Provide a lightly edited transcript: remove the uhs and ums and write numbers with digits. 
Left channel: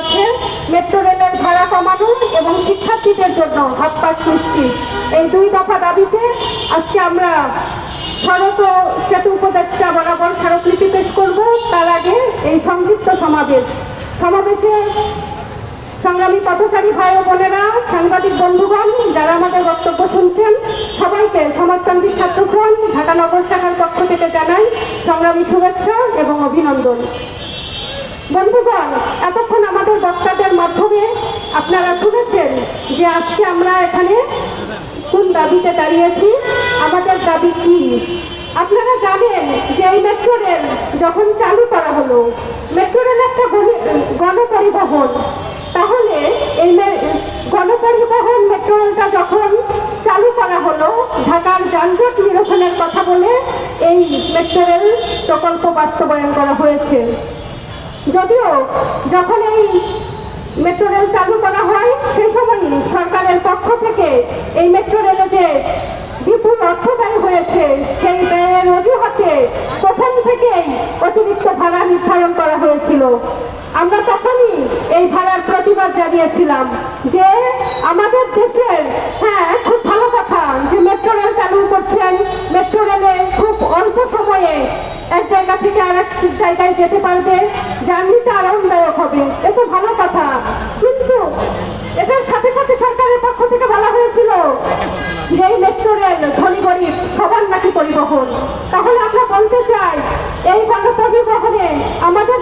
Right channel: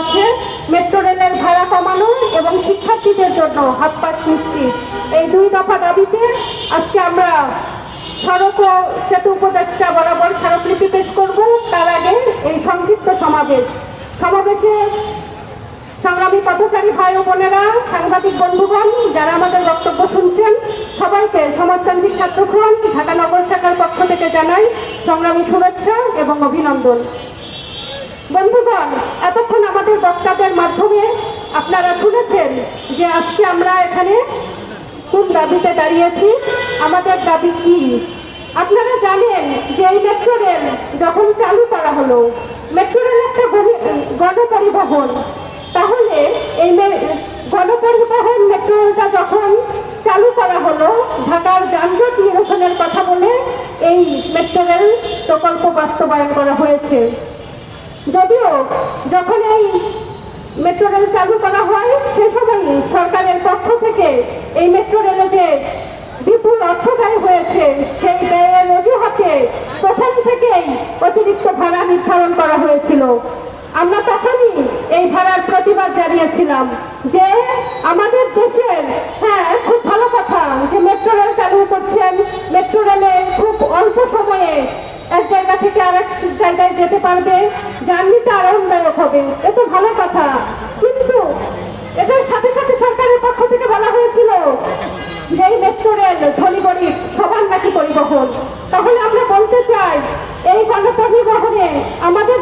আছে মেট্রো রেলের ভাড়া কমানো এবং শিক্ষার্থীদের জন্য হাত পাস সৃষ্টি। এই দুই দফা দাবিতে আজকে আমরা সড়ক ও সেতু উপদেষ্টা বরাবর স্মারকলিপি পেশ করব। তার আগে এই সংক্ষিপ্ত সমাবেশে সংগ্রামী পথচারী ভাই ও বোনেরা, সাংবাদিক বন্ধুগণ, যারা আমাদের বক্তব্য শুনছেন, সবাইকে সমাজতান্ত্রিক ছাত্রফ্রন্ট ঢাকা নগর শাখার পক্ষ থেকে জানাই সংগ্রামী শুভেচ্ছা এবং অভিনন্দন। বন্ধুগণ, এতক্ষণ আমাদের বক্তাদের মাধ্যমে আপনারা শুনেছেন যে আজকে আমরা এখানে কোন দাবিতে দাঁড়িয়েছি, আমাদের দাবি কি। আপনারা জানেন যে এই মেট্রো রেল যখন চালু করা হলো, মেট্রো রেল একটা গণপরিবহন, তাহলে এই গণপরিবহন মেট্রো রেলটা যখন চালু করা হলো, ঢাকার যানজট নিরসনের কথা বলে এই মেট্রো রেল প্রকল্প বাস্তবায়ন করা হয়েছে। যদিও যখন এই মেট্রো রেল চালু করা হয়, সে সময়ই সরকারের পক্ষ থেকে এই মেট্রো রেলে যে বিপুল অর্থ ব্যয় হয়েছে, সেই ব্যয়ের অজুহাতে প্রথম থেকেই অতিরিক্ত ভাড়া নির্ধারণ করা হয়েছিল। আমরা তখনই এই ভাড়ার প্রতিবাদ জানিয়েছিলাম যে আমাদের দেশের, হ্যাঁ, খুব ভালো কথা যে মেট্রো রেল চালু করছেন, মেট্রো রেলে খুব অল্প সময়ে এক জায়গা থেকে আরেক জায়গায় যেতে পারবে, জার্নিটা আরামদায়ক হবে, এটা ভালো কথা। কিন্তু এটার সাথে সাথে সরকারের পক্ষ থেকে বলা হয়েছিল যে এই মেট্রো রেল ধনী গরিব সবার নাকি পরিবহন। তাহলে আমরা বলতে চাই, এই গণপরিবহনে আমাদের